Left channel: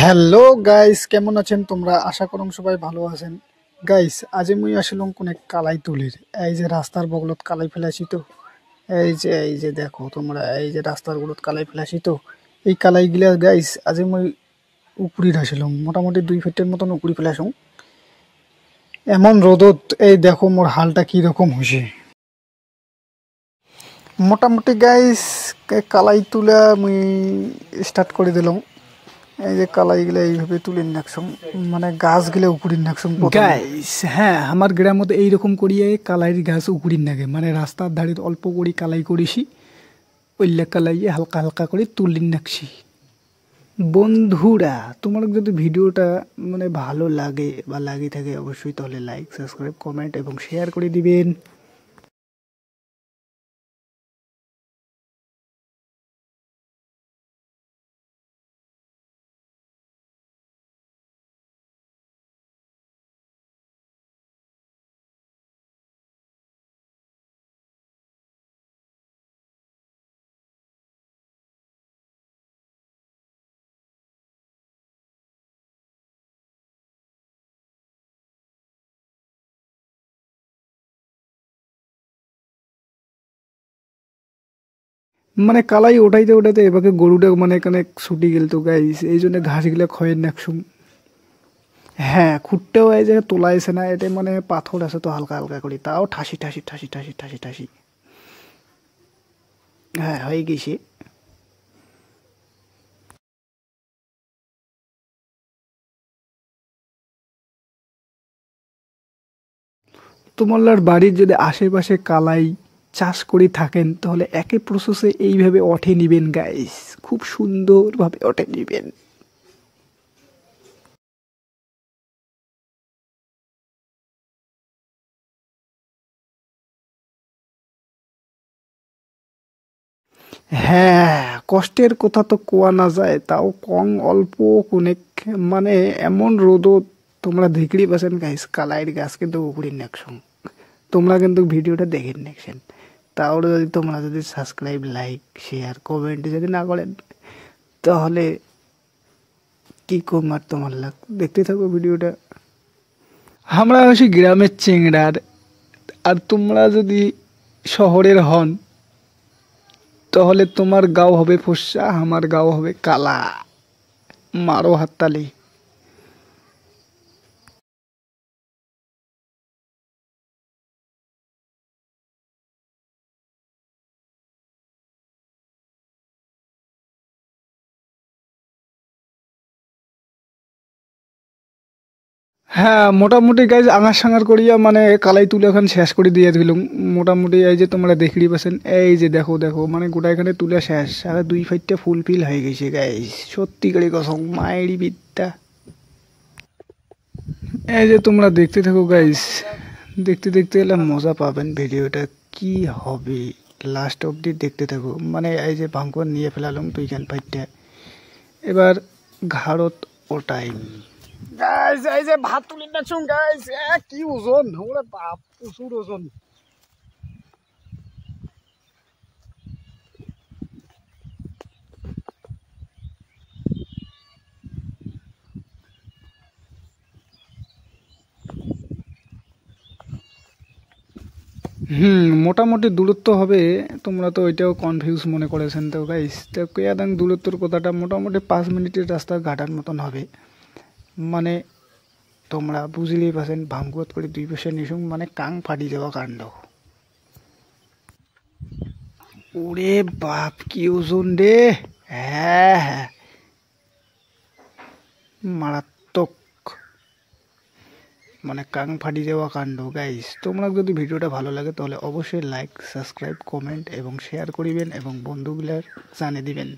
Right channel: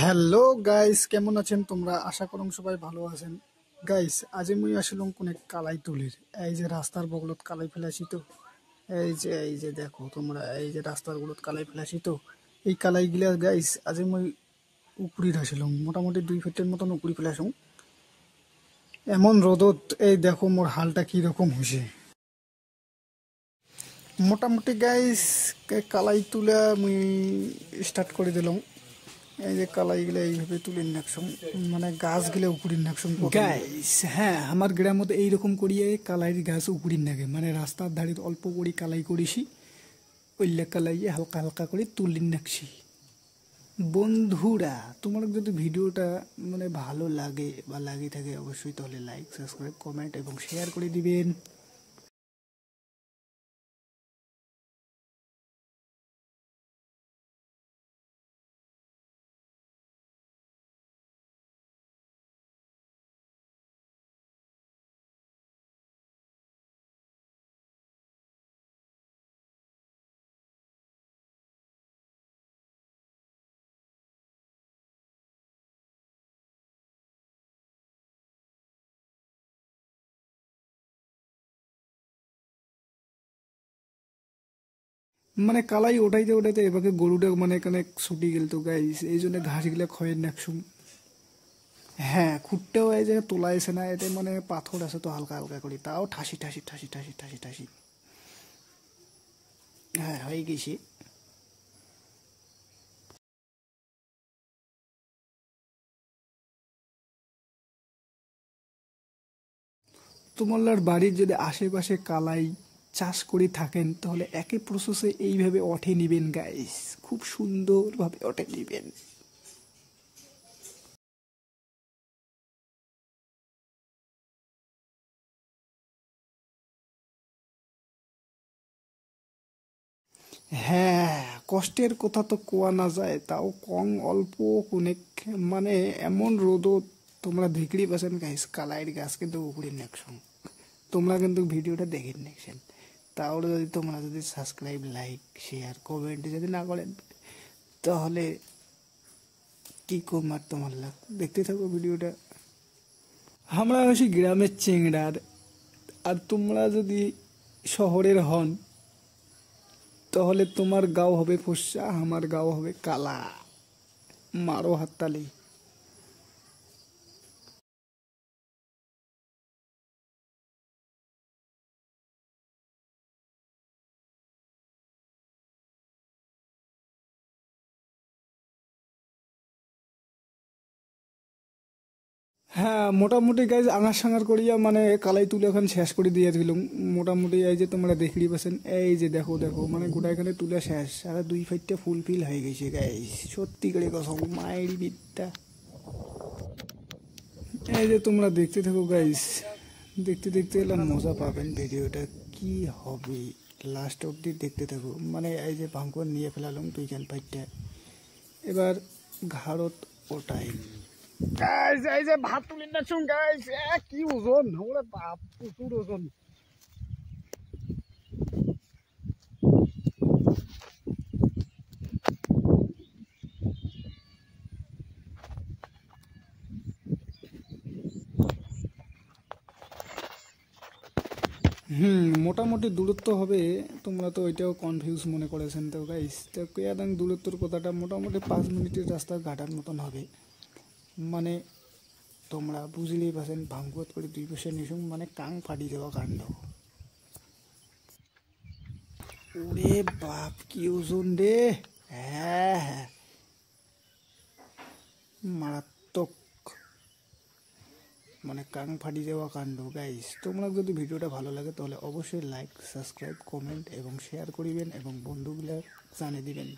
Hello guys, কেমন আছেন তোমরা? আশা করুম সবাই ভালো আছেন। গাইস, আজি মুই আসিলাম কোনে কালাই তুলির। এই যে রাস্তার বগলত কালাই ফেলাছি তো, এই যে দেখো তোমরা, এই যে রাস্তার বগলত কালাই ফেলাছি তো, এই কালাই গিলা গাইস আজি মুই উপরি আসিলাম, মোটামুটি 2 ফিটের মতন উপরি ফেলাছুম। এমন রোদত এই দেখো মোর হালটা কি রকম হয়েছে। মোটামুটি গাইস কালাই তুলা মুই স্টার্ট করে দিলাম। এই যে কালাইগুলা এইভাবে তুলে নাকছুম, মানে গাছগুলা উপরে নাকছুম গাইস। হ্যাঁ, আমার গ্রামত এইরকম করিয়ে কালাইয়ের গাছ উপরে নাগে, মানে রাস্তার ধারে অল্প করে কালাই করেছি, ওইলা কালাইয়ে হালকা হালকা করে তুলে নাকছি। বন্ধুরা, তোমার যদি ভিডিওটা মানে ভালো লাগে বা লাগে থাকে অবশ্যই তাহলে লাইক, সাবস্ক্রাইব, কমেন্ট এবং শেয়ার করে দিবেন। মানে কালাই ওঠাইতে ওঠাইতে এবারে গরুটা মানে এখানে ছুটি গেল তো গাইস, এই জন্য ঘাসগুলা খয়ের নাকছুম। হ্যাঁ, খুঁটটাও এই জায়গায় তোলা আছে না, এটা মানে পাথর আছে তো হালকা হালকা করি, তাও ঠাসি ঠাসি ঠাসি ঠাসি ঠাসি ঠাসি। হ্যাঁ, হয়ে গেছে। তোমার বাড়ির যদি আশেপাশে কালাই চাষ করে থাকেন তাহলে একই প্রসেসে এইভাবে অঠে নিবেন গাইস, খুব সুন্দরভাবে অঠে নিবেন। হ্যাঁ, কষ্টের কথা তো কোয়া না যায়, তাও কম অল্প কোনেক, মানে এমন রোদত তোমরা দেখলেই পাচ্ছেন গাইস, কালাইয়ের গাছ কিন্তু উপরে নেকশন। তোমরা কিন্তু ভিডিওটা দেখে নেকছেন, তাও যদি তোমরা যদি সাবস্ক্রাইব, লাইক, শেয়ার, কমেন্ট যদি না করেন তাহলে কি কম আর তোমার লাগ, দেখতে থাকো ভিডিওটা। আমরা হচ্ছে গ্রামের চেংড়ার, আর তোমরা যদি শহরের হন তাহলে তোমার গাও হবে ফর্সা, আমার গাও হবে কালা। মারো হাততালি। হ্যাঁ, মোটামুটি গাইজ আঙার সাঙার করিয়া মানে কালাই তুলে এখন শেষ করে দিয়ে দিলাম। মোটামুটি এই যে তোমরা দেখলি পাচ্ছেন, এই যে দেখো দেখো মানে গোটা এখানে তুলে শেষ, আর 2 ফাইটটা ফুলফিল হয়ে গেছে গাইজ, সত্যি করে কসম মায়েরই বিদ্যা। এই যে তোমরা দেখতে থাকো গাইজ, দেখতে দেখতে এলে মজা পাবেন, ভিডিওটা কি হবে লাস্ট অবধি দেখতে থাকো। মানে এই যে ভাঙ্কুয়ার নিয়ে ফেলালাম 2 ফাইটটা, এবার ঘাড়ত ওটাইম গাইস। এই যে ভাত তুলে নাচুন গাইস, কি ওজন, ওরে বাপ, প্রচুর ওজন। মোটামুটি দূরত্ব হবে, তোমরা তো ওইটাও কনফিউজ মনে করেছেন তো গাইস। তো কেয়াদাং দূরত্বর কথাটা মোটামুটি 5 মিনিটের রাস্তা ঘাটার মতন হবে, মানে তোমরা বুঝলেই পাচ্ছেন। ভাঙ্গুয়াত করে 2 পাশে নিশুম, মানে কাং ফাটি যাওয়া কাণ্ড। ওরে বাপ, কি ওজন রে! হ্যাঁ হ্যাঁ, মারাত্মক, মানে কাং ফাটি যাওয়া কাণ্ড গাইস। তোমরা যদি ভিডিওটা ভালো লাগে তাহলে অবশ্যই লাইক, সাবস্ক্রাইব, কমেন্ট এবং শেয়ার করিবেন এবং বন্ধুগুলার জানিয়ে দিবেন।